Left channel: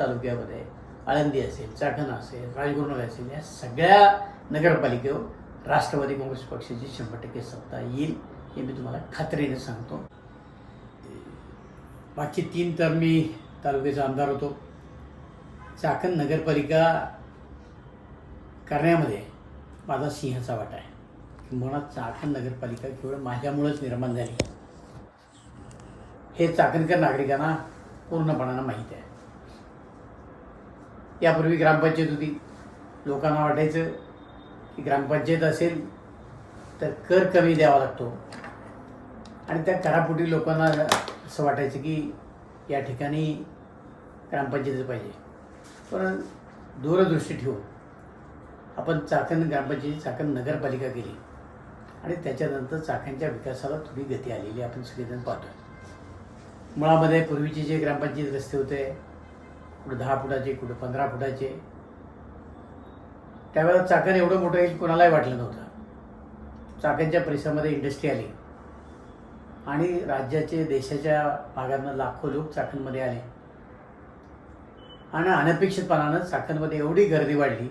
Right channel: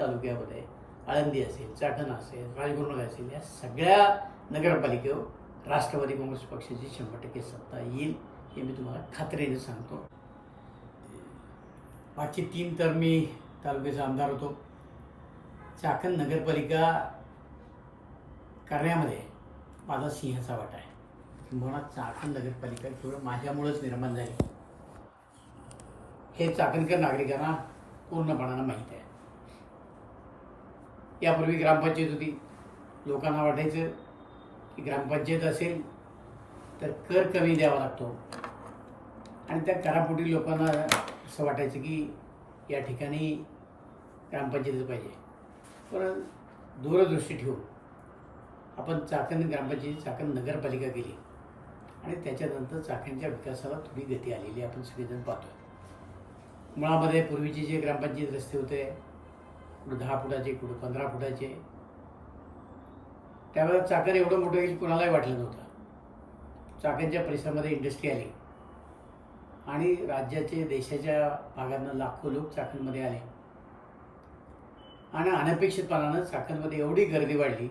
तालुक्यामध्ये आळंदी असेल चाकण असेल राजगुरुनगर असेल या सगळ्या नगरपालिकेवर राष्ट्रवादी काँग्रेस पक्षाची शंभर टक्के सत्ता येईल हे मी तुम्हाला खात्रीने सांगतो. मागचे तीन तर मी तालुक्याचा आमदार होतो. चाकण नगरपालिका करण्यामध्ये माझा सिंहाचा वाटा आहे. किंबहुना चाकण नगरपालिका केवळ माझ्यामुळेच निर्माण झाली. हे चाकणकर नागरिकांना पूर्णपणानं माहीत आहे. यापूर्वी ग्रामपंचायत होती. लोकांना वाटायचं की ग्रामपंचायत असेल तर कर कमी द्यावा लागतो. आणि त्या करापोटी लोकांना असं वाटायचं की या ठिकाणी ग्रामपंचायत पाहिजे. पण दूरदृष्टी ठेवून आपण चाकण ग्रामपंचायत चाकण नगरपालिका केली. आणि त्याच्यानंतर चाकणच्या विकासाला थोडी गती आलेली आपण सगळेजण पाहतो मुळामध्ये पूर्वीचे जे ग्रामपंचायत रस्ते होते कुठं दहा फुटाचे कुठं पंधरा फुटाचे. त्यावेळेला चाकण एवढं मोठं येईल कोणालाही वाटलं नव्हतं. चाकणच्या परिसरामध्ये इंडस्ट्री आली. आणि राज्याचे देशाच्या भागांना लाखो लोक चाकणमध्ये आले. आणि अनपेक्षितपणानं चाकणमध्ये एवढी गर्दी वाढली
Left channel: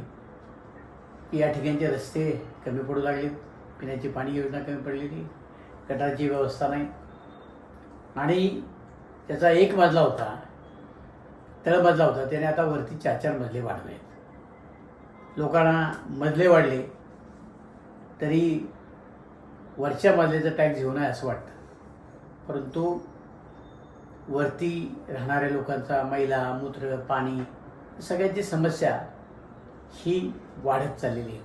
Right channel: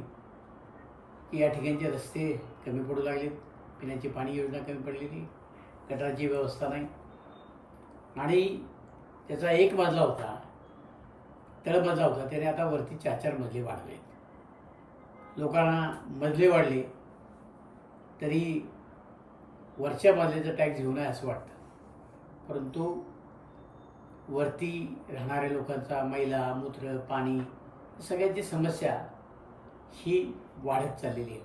की या ठिकाणचे रस्ते कमी पडू लागलेत. पिण्याची पाणी योजना कमी पडलेली. गटाची व्यवस्था नाही. आणि त्याचा एक मजला होता तळमजला होता. त्याने आता वरती चार चार मजले वाढले लोकांना मजले वाढले तरी वरच्या मजल्याचा टॅक्स घेऊ नये असं वाटतं. परंतु वरती राहणाऱ्या लोकांचा मैला मूत्र पाणी सगळ्यांची समस्या ही वाढत चाललेली आहे.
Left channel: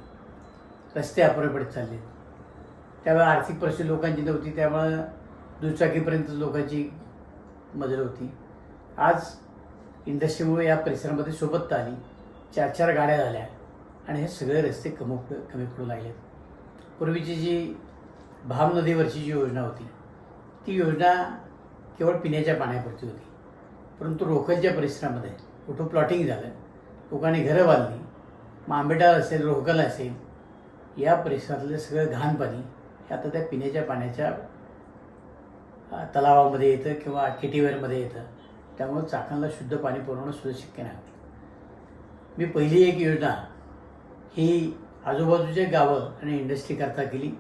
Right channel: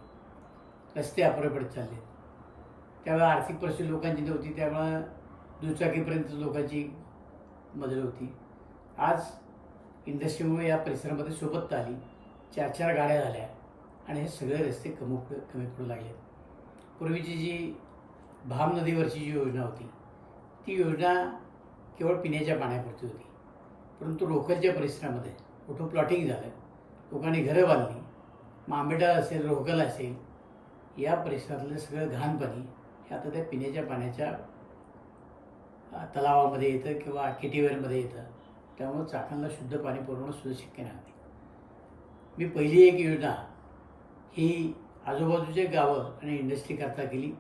रस्ते अपुरे पडत चालले त्यावेळेला आर्थिक परिस्थिती लोकांची नव्हती. त्यामुळं दुचाकीपर्यंत लोकांची मदत होती. आज इंडस्ट्रीमुळे या परिसरामध्ये सोबत आली चार चार गाड्या झाल्या आणि हे सगळे रस्ते कमी कमी पडू लागले. पूर्वीची जी भाम नदीवरची जी योजना होती ती योजना केवळ पिण्याच्या पाण्यापुरती होती. परंतु रोकलच्या परिसरामध्ये कुठं प्लॉटिंग झालं लोकांनी घरं बांधली मग असेल रोहकल असेल या परिसरातलं सगळं घाण पाणी हे आता त्या पिण्याच्या पाण्याच्या तलावामध्ये येतं किंवा केटीवेअरमध्ये येतं. त्यामुळं चाकणला शुद्ध पाणी पुरवणं सुद्धा शक्य नाही. मी पहिली एक योजना ही आजूबाजूच्या गावं आणि इंडस्ट्रीकरता केली.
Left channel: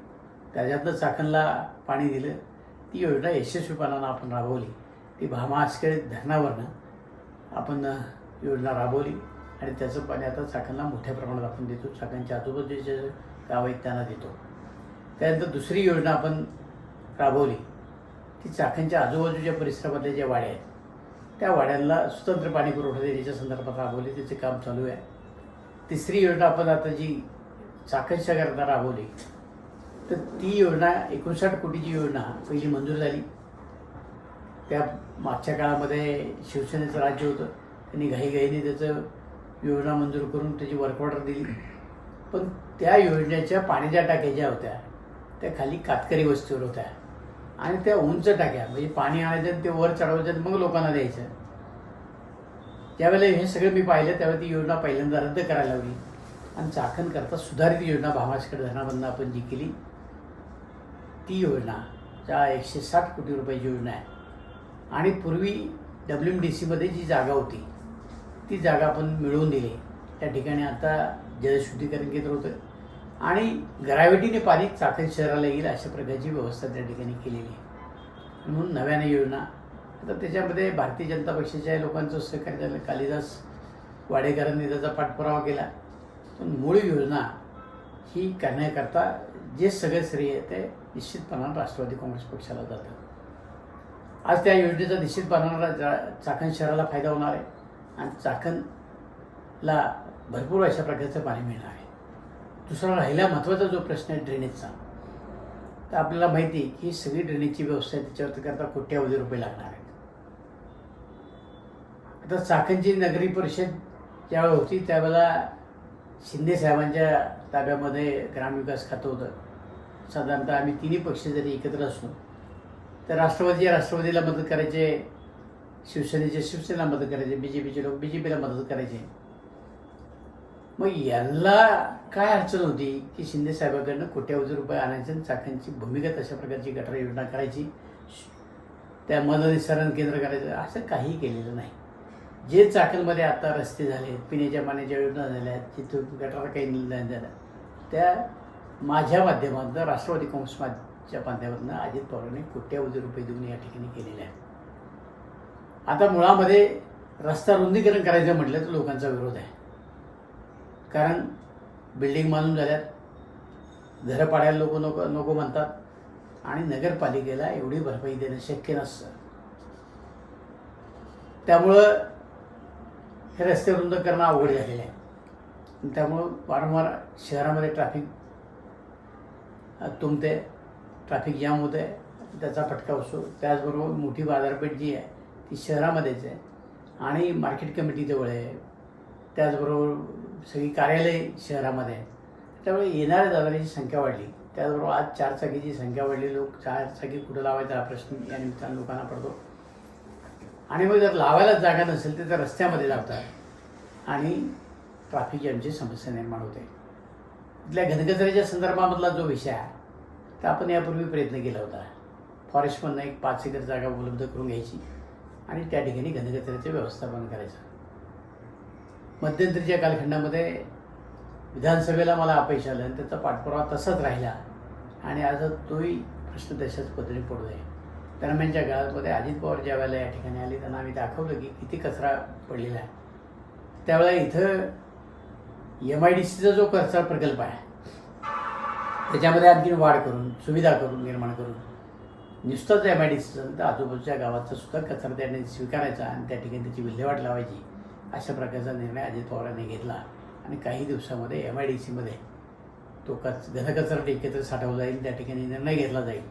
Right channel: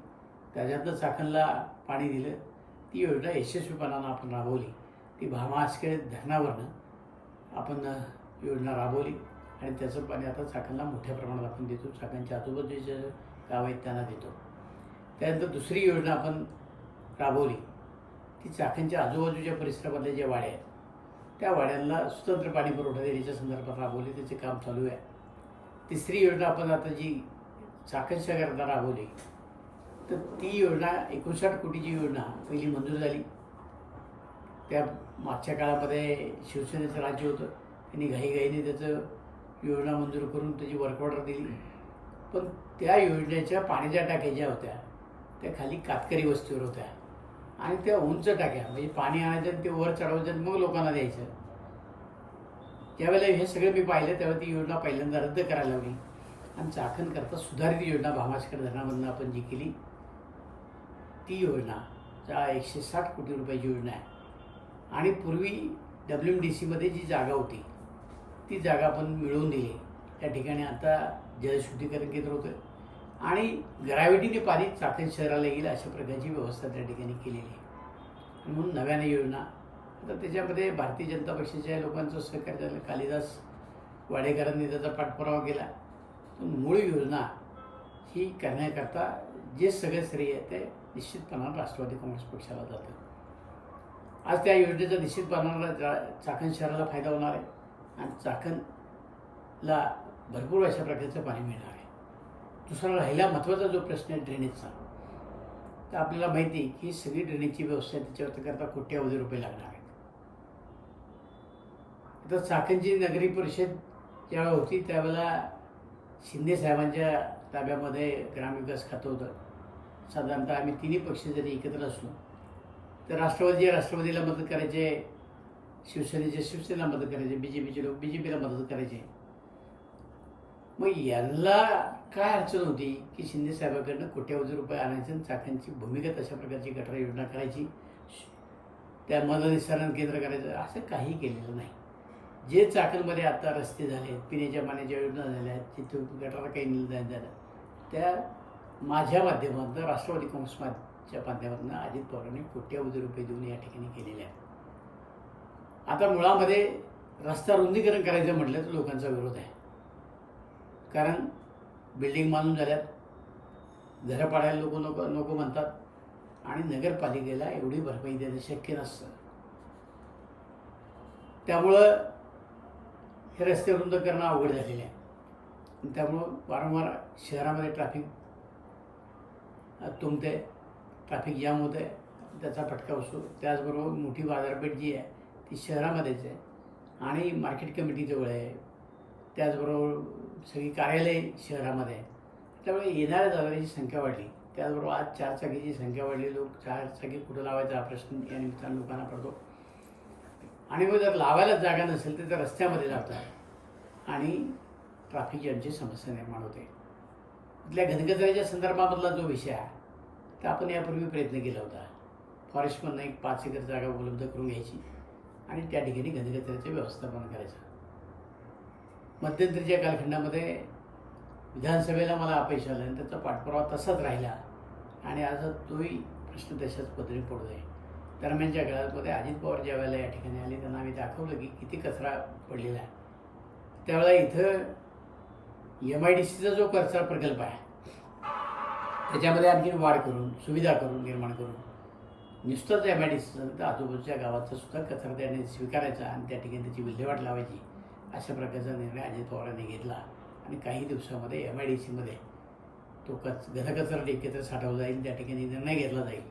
त्याच्यातनं चाकणला पाणी दिलं. ती योजना यशस्वीपणानं आपण राबवली. ती भामास्करी धरणावरनं आपण योजना राबवली. आणि त्याचं पाणी आता चाकणला मोठ्या प्रमाणात आपण देतो. चाकणच्या आजूबाजूचे गावं आहेत त्यांना देतो. त्यानंतर दुसरी योजना आपण राबवली. ती चाकणच्या आजूबाजूच्या परिसरामध्ये जे वाडे आहेत त्या वाड्यांना स्वतंत्र पाणी पुरवठा देण्याच्या संदर्भात राबवली त्याचे काम चालू आहे. तिसरी योजना आपण आता जी चाकणच्या करता राबवली तर ती योजना एकोणसाठ कोटीची योजना पहिली मंजूर झाली. त्या मागच्या काळामध्ये शिवसेनेचं राज्य होतं त्यांनी घाईघाईने त्याचं योजना मंजूर करून त्याची वर्क ऑर्डर दिली. पण त्या योजनेच्या पाण्याच्या टाक्या ज्या होत्या त्या खाली कातकरी वस्तीवर होत्या. आणि त्या उंच टाक्या म्हणजे पाणी आणायचं ते वर चढवायचं आणि मग लोकांना द्यायचं. ज्यावेळेला हे सगळं मी पाहिलं त्यावेळेला ती योजना पहिल्यांदा रद्द करायला लागली आणि चाखण करता सुधारित योजना भामाशकर धरणामधनं आपण जी केली ती योजना ज्या एकशे साठ कोटी रुपयाची योजना आहे. आणि पूर्वी डब्ल्यू एम डी सीमध्ये जी जागा होती ती जागा आपण मिळवून दिली. त्या ठिकाणी आता जलशुद्धीकरण केंद्र होतं. आणि ग्रॅव्हिटीने पाणी चाकण शहराला येईल अशा प्रकारची व्यवस्था त्या ठिकाणी केलेली आहे. म्हणून नव्याने योजना. आता त्याच्यामध्ये भारतीय जनता पक्षाच्या लोकांचं सहकार्य झालं. कालिदास वाडेकरांनी त्याचा पाठपुरावा केला. पण मूळ योजना ही करण्याकरता जे सगळे श्रेय आहे ते निश्चितपणानं राष्ट्रवादी काँग्रेस पक्षाला जातं. आज त्या योजनेचा निश्चितपणाला जा- चाकण शहराला फायदा होणार आहे. आणि चाकणला भरपूर अशा प्रकारचं पाणी मिळणार आहे. दुसरा राहिला महत्त्वाचा जो प्रश्न आहे ड्रेनेजचा तर आपल्याला माहिती आहे की सगळी ड्रेनेजची व्यवस्था आहे त्याच्यावर करता कोट्यावधी रुपये लागणार आहेत. आता चाकणची नगरी परिषद ज्यावेळेला होती त्यावेळेला शिंदे साहेबांच्या ताब्यामध्ये ग्रामविकास खातं होतं. साधारणतः आम्ही तिन्ही पक्ष जरी एकत्र असू तर राष्ट्रवादी राष्ट्रवादीला मदत करायचे शिवसेनेचे शिवसेना मदत करायचे बी जे पीचे लोक बी जे पीला मदत करायचे. मग यांना काय अडचण होती की शिंदे साहेबांकडनं कोट्यावधी रुपये आणायचे आणि चाकणची भूमिगत अशा प्रकारची गटार योजना करायची? त्या मदनिसरण केंद्र करायचं? असं काही केलेलं नाही. जे चाकणमध्ये आता रस्ते झाले पिण्याच्या पाण्याच्या योजना झाल्या आहेत तिथून गटार काही निर्णय झाला त्या माझ्या माध्यमातून राष्ट्रवादी काँग्रेस माझ्या माध्यमातून अजित पवारांनी कोट्यावधी रुपये देऊन या ठिकाणी केलेले आहेत. आता मुळामध्ये रस्ता रुंदीकरण करायचं म्हटलं तर लोकांचा विरोध आहे. कारण बिल्डिंग बांधून झाल्यात. घरं पाडायला लोक नको नको म्हणतात. आणि नगरपालिकेला एवढी भरपाई देणं शक्य नसतं. त्यामुळं हे रस्ते रुंद करणं अवघड झालेलं आहे. त्यामुळं वारंवार शहरामध्ये ट्रॅफिक तुमते तुंबते. ट्रॅफिक जाम होते. त्याचा फटका बसतो. त्याचबरोबर मोठी बाजारपेठ जी आहे ती शहरामध्येच आहे. आणि मार्केट कमिटी जवळ आहे. त्याचबरोबर सगळी कार्यालय शहरामध्ये आहेत. त्यामुळे येणाऱ्या जाणाऱ्याची संख्या वाढली. त्याचबरोबर आज चारचाकीची संख्या वाढली. लोक चारचाकी कुठं लावायचा हा प्रश्न या निमित्तानं लोकांना पडतो. आणि मग जर लावायलाच जागा नसेल तर त्या रस्त्यामध्ये लावतात आणि ट्रॅफिक जॅमची समस्या निर्माण होते. इथल्या घनकचऱ्याच्या संदर्भामधला जो विषय आहे तर आपण यापूर्वी प्रयत्न केला होता. फॉरेस्टमधनं एक पाच एकर जागा उपलब्ध करून घ्यायची. आणि त्या ठिकाणी घनकचऱ्याचं व्यवस्थापन करायचं. मध्यंतरीच्या कालखंडामध्ये विधानसभेला मला अपयश आलं आणि त्याचा पाठपुरावा तसाच राहिला. आणि आज तोही प्रश्न तशाच पद्धतीने पडू आहे दरम्यानच्या काळामध्ये अजित पवार ज्या वेळेला या ठिकाणी आले त्यांना आम्ही दाखवलं की किती कचरा पडलेला आहे. त्यावेळेला इथं एम आय डी सीचा जो कचरा प्रकल्प आहे त्याच्यामध्ये आणखीन वाढ करून सुविधा करून निर्माण करून नुसतंच एम आय डी सीचं आजूबाजूच्या गावाचा सुद्धा कचरा त्याने स्वीकारायचा आणि त्या ठिकाणी त्याची विल्हेवाट लावायची. अशा प्रकारचा निर्णय अजित पवारांनी घेतला. आणि काही दिवसामध्ये एम आय डी सीमध्ये तो कच घनकचरा एकत्र साठवला जाईल त्या ठिकाणी निर्णय घेतला जाईल.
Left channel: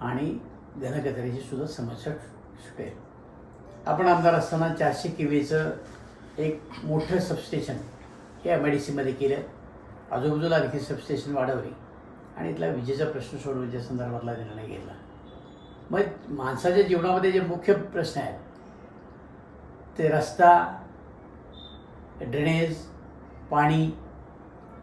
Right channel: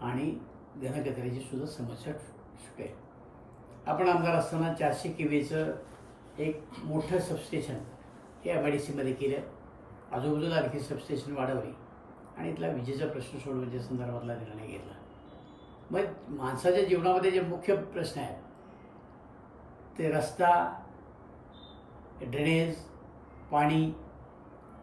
आणि घनकचऱ्याची सुद्धा समस्या सुटेल. आपण आमदार असताना चारशे किवीचं एक मोठं सबस्टेशन हे एम आय डी सीमध्ये केलं. आजूबाजूला आणखी सबस्टेशन वाढवली. आणि इथला विजेचा प्रश्न सोडवण्याच्या संदर्भातला निर्णय घेतला. मग माणसाच्या जीवनामध्ये जे मुख्य प्रश्न आहेत ते रस्ता ड्रेनेज पाणी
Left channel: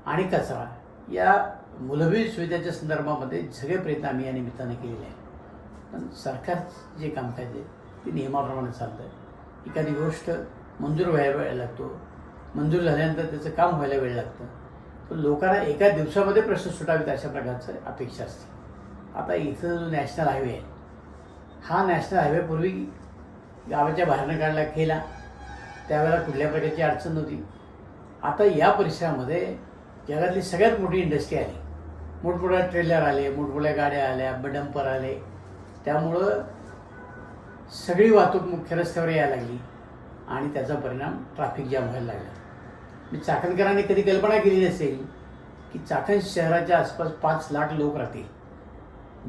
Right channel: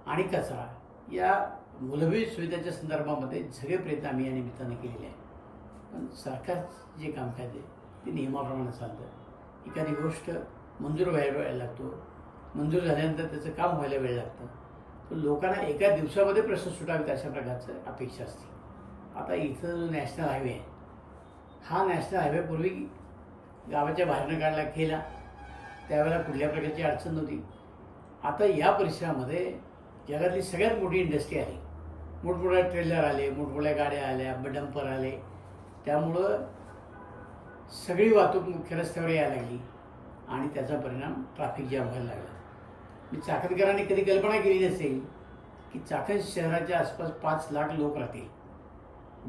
आणि कचरा या मूलभूत सुविधाच्या संदर्भामध्ये सगळे प्रयत्न आम्ही या निमित्तानं केलेले आहेत. पण सरकार जे कामकाज आहे ते नियमाप्रमाणे चालतं आहे एखादी गोष्ट मंजूर व्हायला वेळ लागतो. मंजूर झाल्यानंतर त्याचं काम व्हायला वेळ लागतं. तर लोकांना एका दिवसामध्ये प्रश्न सुटावेत अशा प्रकारचं अपेक्षा असते. आता इथं जो नॅशनल हायवे आहे हा नॅशनल हायवे पूर्वी गावाच्या बाहेरनं काढला केला. त्यावेळेला कुठल्या प्रकारची अडचण नव्हती. आता या परिसरामध्ये जगातली सगळ्यात मोठी इंडस्ट्री आली. मोठमोठ्या ट्रेलर आले मोठमोठ्या गाड्या आल्या बडंपर आले. त्यामुळं सगळी वाहतूक मुख्य रस्त्यावर यायला लागली आणि त्याचा परिणाम ट्रॅफिक जाम व्हायला लागला. मी चाकणकरांनी कधी कल्पना केली नसेल की चाकण शहराच्या आसपास पाच लाख लोक राहतील.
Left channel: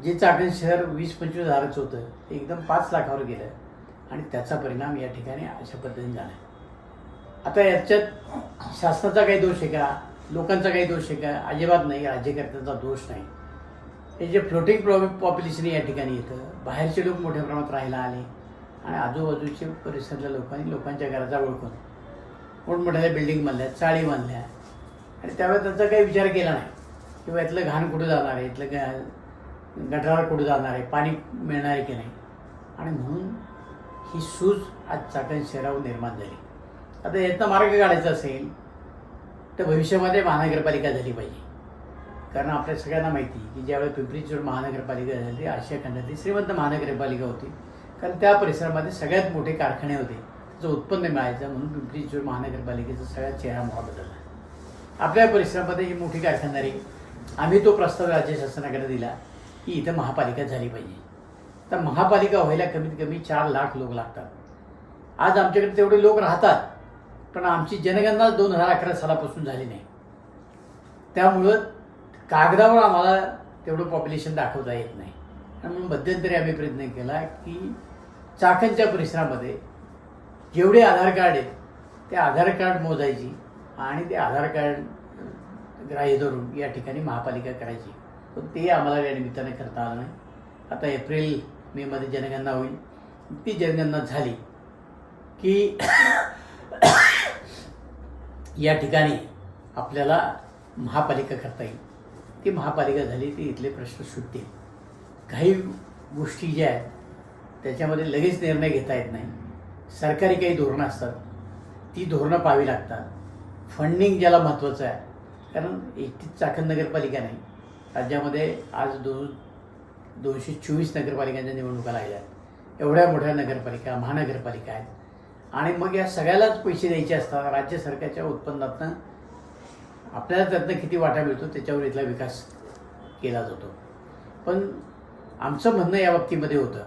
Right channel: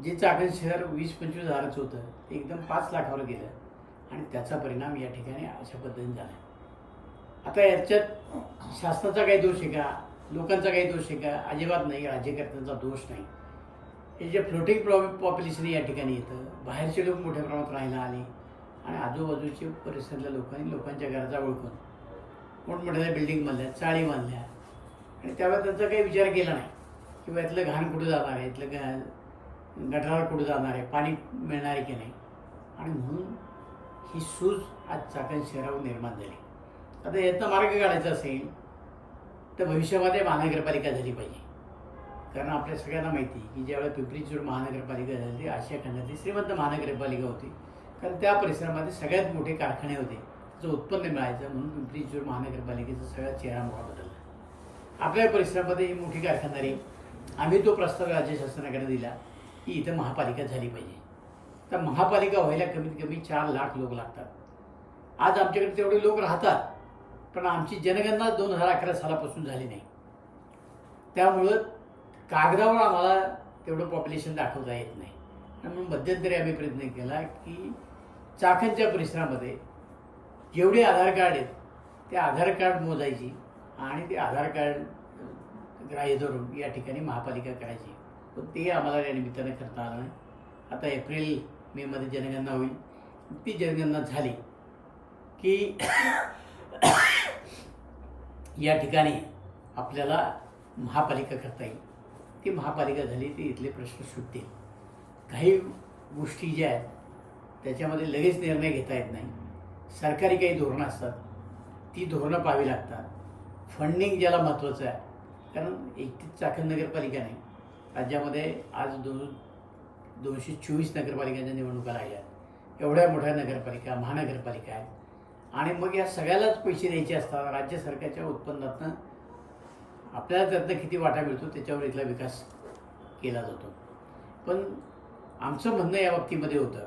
जे चाकण शहर वीस पंचवीस हजाराचं होतं ते एकदम पाच लाखावर गेलं आणि त्याचा परिणाम या ठिकाणी अशा पद्धतीने झाला आहे आता याच्यात शासनाचा काही दोष आहे का? लोकांचा काही दोष आहे का? अजिबात नाही राज्यकर्त्यांचा दोष नाही. हे जे फ्लोटिंग प्रॉ पॉप्युलेशन या ठिकाणी येतं बाहेरचे लोक मोठ्या प्रमाणात राहायला आले आणि आजूबाजूचे परिसरातल्या लोकांनी लोकांच्या घराचा ओळखून मोठमोठ्या बिल्डिंग बांधल्या चाळी बांधल्या. आणि त्यावेळेस त्यांचा काही विचार केला नाही. किंवा यातलं घाण कुठं जाणार आहे? इथलं ग गटारावर कुठं जाणार आहे? पाणी मिळणार आहे की नाही? आणि म्हणून ही सूज आज चाकण शहरावर निर्माण झाली. आता यातनं मार्ग काढायचा असेल तर भविष्यामध्ये महानगरपालिका झाली पाहिजे. कारण आपल्या सगळ्यांना माहिती की ज्यावेळेस पिंपरी चिंचवड महानगरपालिका झाली आशिया खंडातली श्रीमंत महानगरपालिका होती. कारण त्या परिसरामध्ये सगळ्यात मोठे कारखाने होते. त्याचं उत्पन्न मिळायचं म्हणून पिंपरी चिंचवड महानगरपालिकेचा सगळ्यात चेहरा मोठा बदलला. आपल्या परिसरामध्ये ही मोठी कारखानदारी आम्ही तो प्रस्ताव राज्य शासनाकडे दिला की इथं महापालिका झाली पाहिजे. तर महापालिका व्हायला कमीत कमी चार लाख लोक लागतात. आज आमच्याकडे तेवढे लोक राहतात. पण आमची जनगणना दोन हजार अकरा सालापासून झाली नाही. त्यामुळं कागदावर आम्हाला तेवढं पॉप्युलेशन दाखवता येत नाही. म्हणून मध्यंतरी आम्ही प्रयत्न केला की चाकणच्या परिसरामध्ये जेवढे आधार कार्ड आहेत ते आधार कार्ड मोजायची आणि ते आधार कार्ड ग्राह्य धरून या ठिकाणी महापालिका करायची. पण ते आम्हाला या निमित्ताने करता आलं नाही. आता एप्रिल मेमध्ये जनगणना होईल. ती जनगणना झाली की या ठिकाणी आपल्याला महापालिका करता येईल. ती महापालिका झाली ती इथले प्रश्न सुटतील. काही गोष्टी ज्या आहेत त्याच्यामध्ये लगेच निर्णय घेता येत नाही. सरकारी काही धोरणं असतात ती धोरणं पाहावी लागतात. फंडिंग ज्याला महत्त्वाचं आहे कारण एकटीच चाकण नगरपालिका नाही राज्यामध्ये आज दोन दोनशे चोवीस नगरपालिकांच्या निवडणुका लागल्या आहेत. एवढ्या मोठ्या नगरपालिका महानगरपालिका आहेत. आणि मग या सगळ्यालाच पैसे द्यायचे असतात. राज्य सरकारच्या उत्पन्नातनं आपल्याला त्यातनं किती वाटा मिळतो त्याच्यावर इथला विकास केला जातो. पण आमचं म्हणणं या बाबतीमध्ये होतं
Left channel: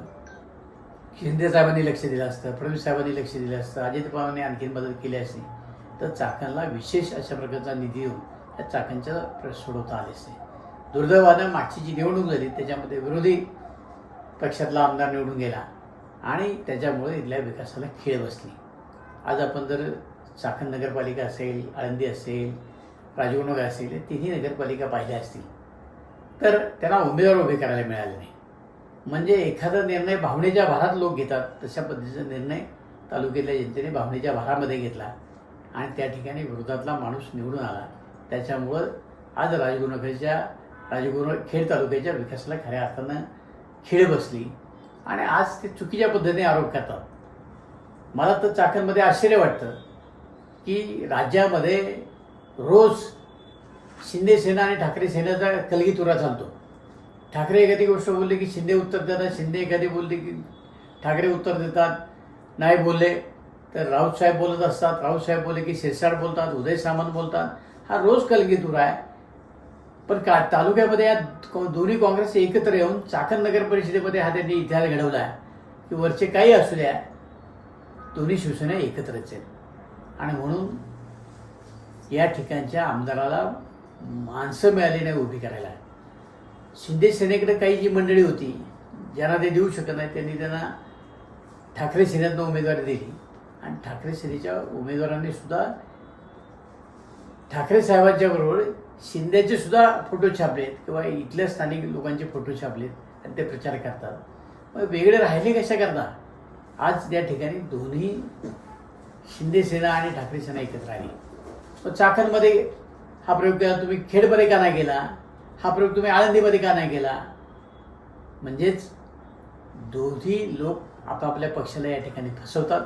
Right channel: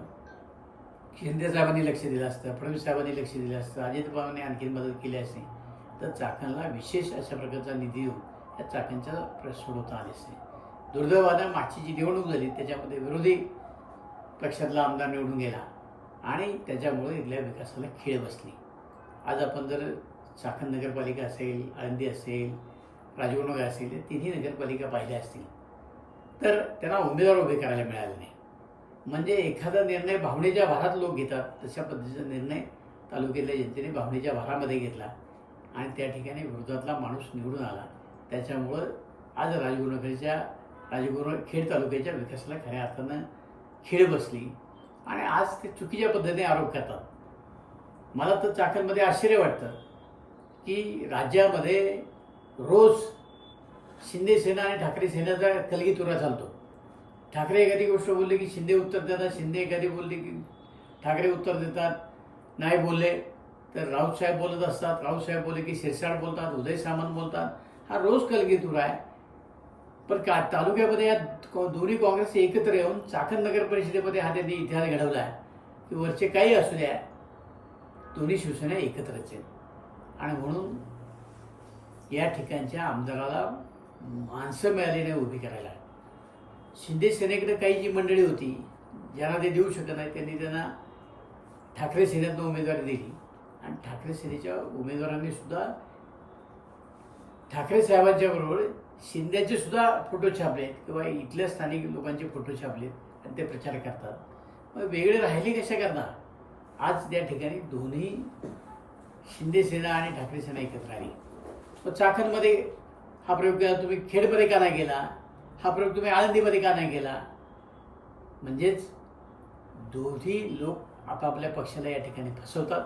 शिंदे साहेबांनी लक्ष दिलं असतं फडणवीस साहेबांनी लक्ष दिलं असतं अजित पवारांनी आणखीन मदत केली असती तर चाकणला विशेष अशा प्रकारचा निधी येऊन या चाकणच्या प्रश्न सोडवता आले असते. दुर्दैवानं मागची जी निवडणूक झाली त्याच्यामध्ये विरोधी पक्षातला आमदार निवडून गेला. आणि त्याच्यामुळे इथल्या विकासाला खेळ बसली. आज आपण जर चाकण नगरपालिका असेल आळंदी असेल राजगुरुनगर असेल तिन्ही नगरपालिका पाहिल्या असतील तर त्यांना उमेदवार उभे करायला मिळाले नाही. म्हणजे एखादा निर्णय भावनेच्या भारात लोक घेतात तशा पद्धतीचा निर्णय तालुक्यातल्या जनतेने भावनेच्या भारामध्ये घेतला आणि त्या ठिकाणी विरोधातला माणूस निवडून आला. त्याच्यामुळं आज राजगुरुनगरच्या राजगुरु खेड तालुक्याच्या विकासाला खऱ्या अर्थानं खेळ बसली. आणि आज ते चुकीच्या पद्धतीने आरोप करतात. मला तर चाकणमध्ये आश्चर्य वाटतं की राज्यामध्ये रोज शिंदे सेना आणि ठाकरे सेनेचा कलगीतुरा चालतो. ठाकरे एखादी गोष्ट बोलली की शिंदे उत्तर देतात शिंदे एखादी बोलली की ठाकरे उत्तर देतात नाही बोलले तर राऊत साहेब बोलत असतात राऊत साहेब बोलले की शिरसाट बोलतात उदय सामंत बोलतात. हा रोज कलगीतुरा आहे. पण का तालुक्यामध्ये या दोन्ही काँग्रेस एकत्र येऊन चाकण नगर परिषदेमध्ये हा त्यांनी इतिहास घडवला आहे. की वरचे काही असू द्या दोन्ही शिवसेना एकत्रच आहेत. आणि म्हणून या ठिकाणच्या आमदाराला माणसं मिळाली नाही उभी करायला. शिंदे सेनेकडे काही जी मंडळी होती ज्यांना ते देऊ शकत नाही त्यांनी त्यांना ठाकरे सेनेतनं उमेदवारी दिली. आणि ठाकरे सेनेच्या उमेदवारांनी सुद्धा ठाकरे साहेबांच्या बरोबर शिंद्याचे सुद्धा फोटो छापलेत किंवा इथल्या स्थानिक लोकांचे फोटो छापलेत आणि ते प्रचार करतात. मग वेगळे राहिले कशा करता आज त्या ठिकाणी दोन्ही शिंदे सेना आणि ठाकरे सेना एकत्र आली. मग चाकणमध्ये हा प्रयोग केला तुम्ही खेडमध्ये का नाही केला हा प्रयोग तुम्ही आळंदीमध्ये का नाही केला? म्हणजेच दोन्ही लोक आपापल्या पक्षाला या ठिकाणी फसवतात.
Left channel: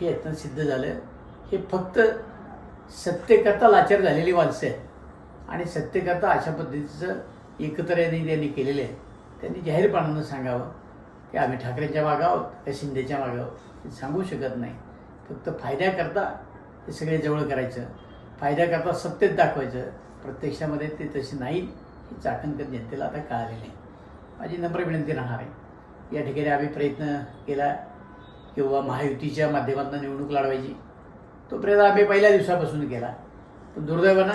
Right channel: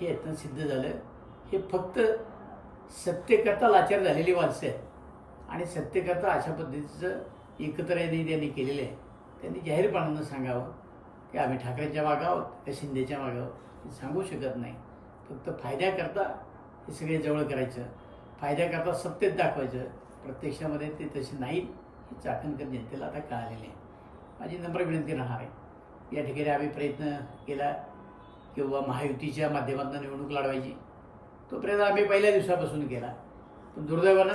हे यातनं सिद्ध झालं. हे फक्त सत्तेकरता लाचार झालेली माणसं आहेत. आणि सत्तेकरता अशा पद्धतीचं एकत्र यांनी त्यांनी केलेलं आहे. त्यांनी जाहीरपणानं सांगावं की आम्ही ठाकरेंच्या मागं आहोत का शिंदेच्या मागं आहोत? ते सांगू शकत नाही. फक्त फायद्याकरता हे सगळे जवळ करायचं फायद्याकरता सत्तेत दाखवायचं. प्रत्यक्षामध्ये ते तसे नाही हे चाकणकर जनतेला आता कळालेले आहे. माझी नम्र विनंती राहणार आहे. या ठिकाणी आम्ही प्रयत्न केला किंवा महायुतीच्या माध्यमातून निवडणूक लढवायची. तो प्रयत्न आम्ही पहिल्या दिवसापासून केला. पण दुर्दैवानं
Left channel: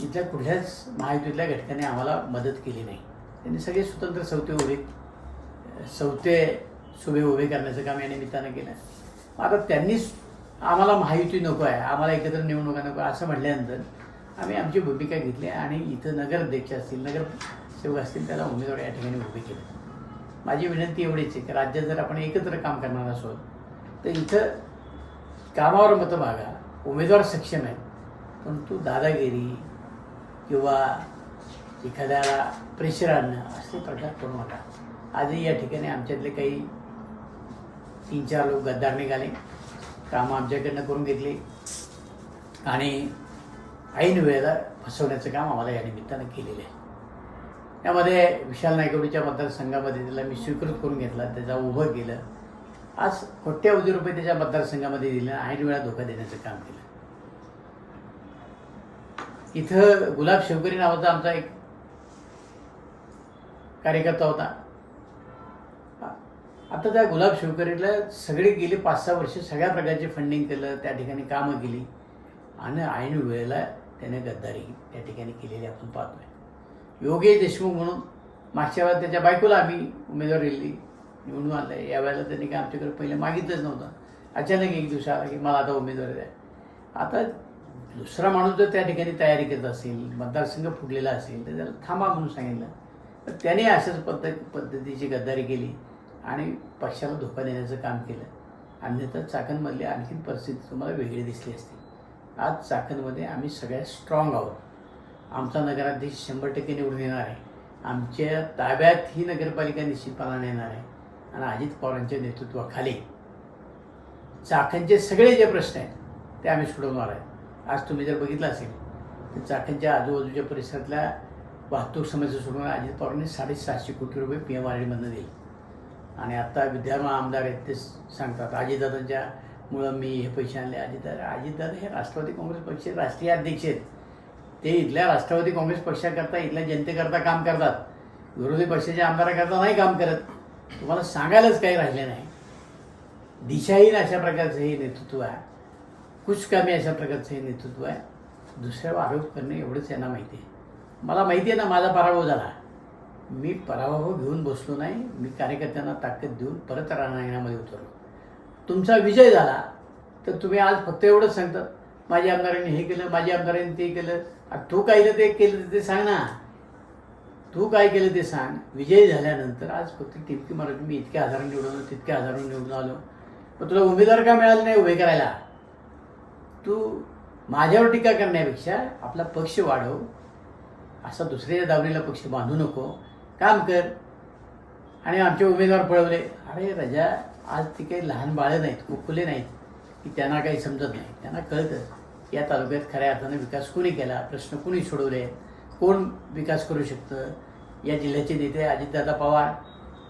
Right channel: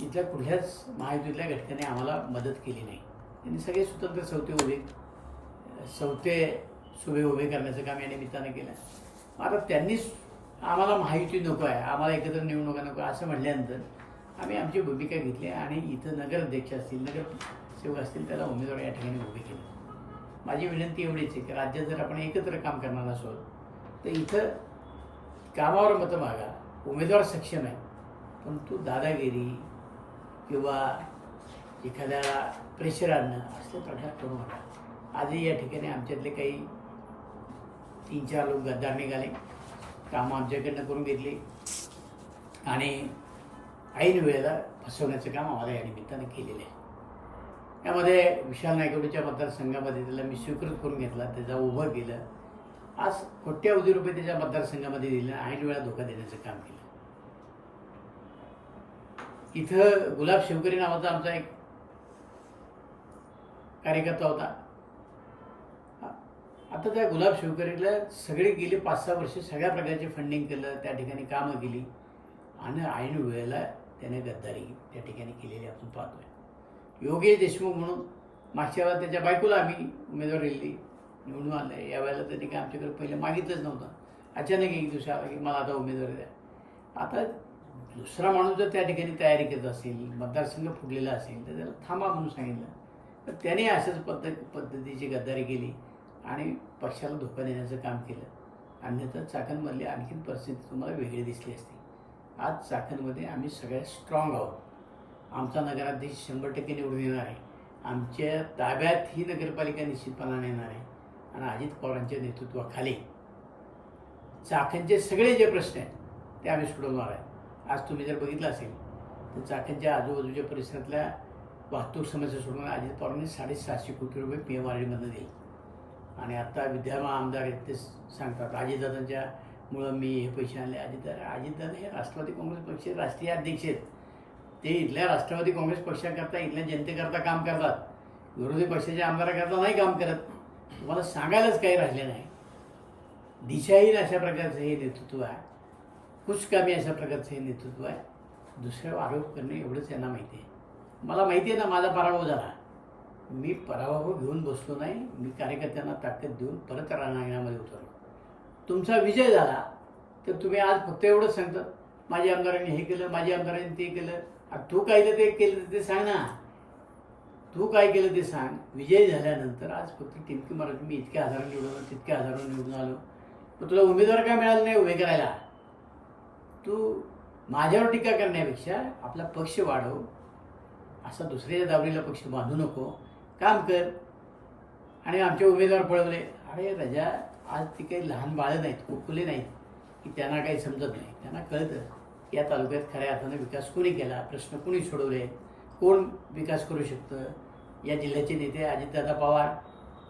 इथल्या कुठल्याच महायुतीतल्या घटकाने आम्हाला मदत केली नाही. त्यांनी सगळे स्वतंत्र सौते उभे सौते सुभे उभे करण्याचं काम या निमित्तानं केलं. आता त्यांनीच आम्हाला महायुती नको आहे आम्हाला एकत्र निवडणुका नको असं म्हटल्यानंतर आम्ही आमची भूमिका घेतली आणि इथं नगराध्यक्ष असतील नगरसेवक असतील त्याला उमेदवार या ठिकाणी उभे केले. माझी विनंती एवढीच आहे की राज्यात जर आपण एकत्र काम करणार असो तर इथं कामावर मतं मागा उमेदवार सक्षम आहेत. परंतु दादागिरी किंवा एखाद्याला प्रेशर आणणं असे प्रकार करू नका. आजही या ठिकाणी आमच्यातले काही तीन चार लोक गद्दार निघाले. कामं आमच्याकडनं करून घेतली. आणि ऐन वेळेला फसवण्याचं काम आम्हाला या निमित्तानं केलेलं आहे. यामध्ये विशाल नायकवडीच्या मतदारसंघामध्ये त्याला मी स्वीकृत करून घेतला. त्याचा उभं केलं. आज कोट्यावधी रुपये त्याच्या मतदारसंघामध्ये दिलं ऐन वेळा धोका देण्याचं काम केलं. इथं गुलाब शेवकरी नावाचा आमचा एक कार्यकर्ता होता. आता त्या गुलाब शिवकरीला सगळे गेले पाच सहा वर्ष सगळ्या प्रकारचे फंडिंग केलं त्या ठिकाणी कामं केली. आणि ऐन वेळेला त्याने गद्दारी त्या ठिकाणी केलेली आपण पाहतोय. योगेश देशमुख म्हणून मागच्या वेळेला त्याच्या बायकोला आम्ही उमेदवारी दिली निवडून आणलं यावेळेला त्यांनी काय आमच्याकडे पहिले मागितलंच नव्हतं. अचानक एक दिवस आला की मला आता उमेदवारी द्या. आता दुसरा माणूस जर त्या ठिकाणी तयारी करत असेल मतदारसंघ फुटलेला असेल तर त्याला थांबा म्हणून सांगितलं. तर त्याने अशाच पद्धत पद्धतीची गद्दारी केली आणि पक्षाला धोका देण्याचं काम केलं. अन्यथा चाकणमधली आणखीन परिस्थिती तुम्हाला वेगळी दिसली असती. आज चाकणमध्ये आम्ही सगळ्यात स्ट्रॉंग आहोत. आमचा नगराध्यक्ष शंभर टक्के निवडून येणार आहे. आमच्या ताब्यात ही नगरपालिका निश्चितपणाने येणार आहे. आणि अजित पवारांच्या नेतृत्वाखाली चाकणचे सगळे जे प्रश्न आहेत ते आम्ही सोडवणार आहे. आज तुम्ही जर बघितलं असेल तर चाकणच्या आजूबाजूच्या परिसरातल्या वाहतूक समस्या सोडून अजित पवारांनी साडेसातशे कोटी रुपये पी एम आर डीमधनं दिले. आणि आत्ता विद्यमान आमदार आहेत ते सांगतात अजितदादांच्या मुळं मी हे पैसे आणले. अजितदादा अजितदादा हे राष्ट्रवादी काँग्रेस पक्षाचे राष्ट्रीय अध्यक्ष आहेत. ते इथल्या राष्ट्रवादी काँग्रेस पक्षाकरता इथल्या जनतेकरता काम करतात. विरोधी पक्षाच्या आमदाराकरता नाही काम करत. तुम्हाला सांगायलाच काही राहिले नाही. दिशाहीन अशा प्रकारचं हे नेतृत्व आहे. कुचकामी अशा प्रकारचं हे नेतृत्व आहे. दुसऱ्यावर आरोप करणे एवढंच यांना माहिती आहे. मला माहिती आहे ना माझा पराभव झाला. मी पराभव घेऊन बसलो नाही. मी कार्यकर्त्यांना ताकद देऊन परत रणांगणामध्ये उतरलो. तुमचा विजय झाला. तर तुम्ही आज फक्त एवढंच सांगतात माझ्या आमदारांनी हे केलं माझ्या आमदारांनी ते केलं. आता तू काय ते केलं ते सांग ना. तू काय केलं ते सांग. विजय झाल्यानंतर आज फक्त टिपकी मराठी मी इतक्या हजारांनी निवडून आलो तितक्या हजारांनी निवडून आलो. पण तुला उमेदवार का मिळाला नाही उभे करायला? तू माझ्यावर टीका करण्यापेक्षा आपला पक्ष वाढव. असा दुसऱ्याच्या दावणीला पक्ष बांधू नको. काम कर. आणि आमचे उमेदवार पळवले. अरे रजा आज ती काही लहान बाळं नाहीत कुकुले नाहीत. की त्यांना काही समजत नाही. त्यांना कळतं या तालुक्यात खऱ्या अर्थानं विकास कोणी केला? प्रश्न कोणी सोडवले? कोण विकास करू शकतं? या जिल्ह्याचे नेते अजितदादा पवार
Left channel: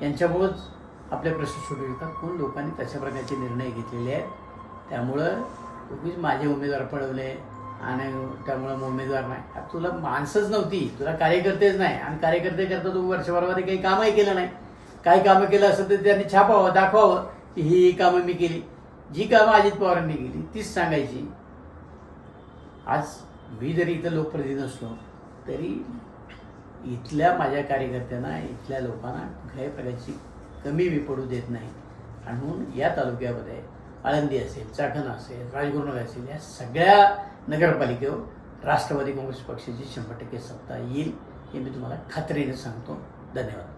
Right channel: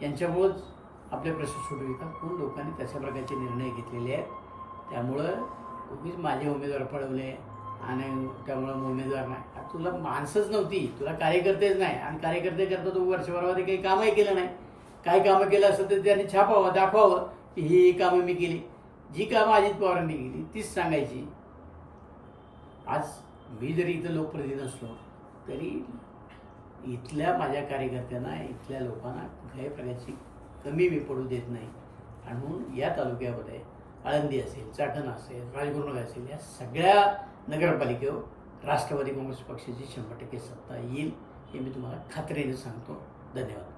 यांच्यामुळंच आपले प्रश्न सोडवू शकतात कोण लोकांनी तशा प्रकारचे निर्णय घेतलेले आहेत? त्यामुळं मीच माझे उमेदवार पळवले आणि त्यामुळं उमेदवार नाही. आता तुला माणसंच नव्हती. तुला कार्यकर्तेच नाही. आणि कार्यकर्ते करता तू वर्षभरामध्ये काही कामही केलं नाही. काही कामं केलं असं तर त्यांनी छापावं दाखवावं की ही ही कामं मी केली. जी कामं अजित पवारांनी केली तीच सांगायची. आज मी जरी इथं लोकप्रतिनिधी नसलो तरी इथल्या माझ्या कार्यकर्त्यांना इथल्या लोकांना कुठल्याही प्रकारची कमी मी पडू देत नाही. आणि म्हणून या तालुक्यामध्ये आळंदी असेल चाकण असेल राजगुरुनगर असेल या सगळ्या नगरपालिकेवर राष्ट्रवादी काँग्रेस पक्षाची शंभर टक्के सत्ता येईल हे मी तुम्हाला खात्रीने सांगतो. धन्यवाद.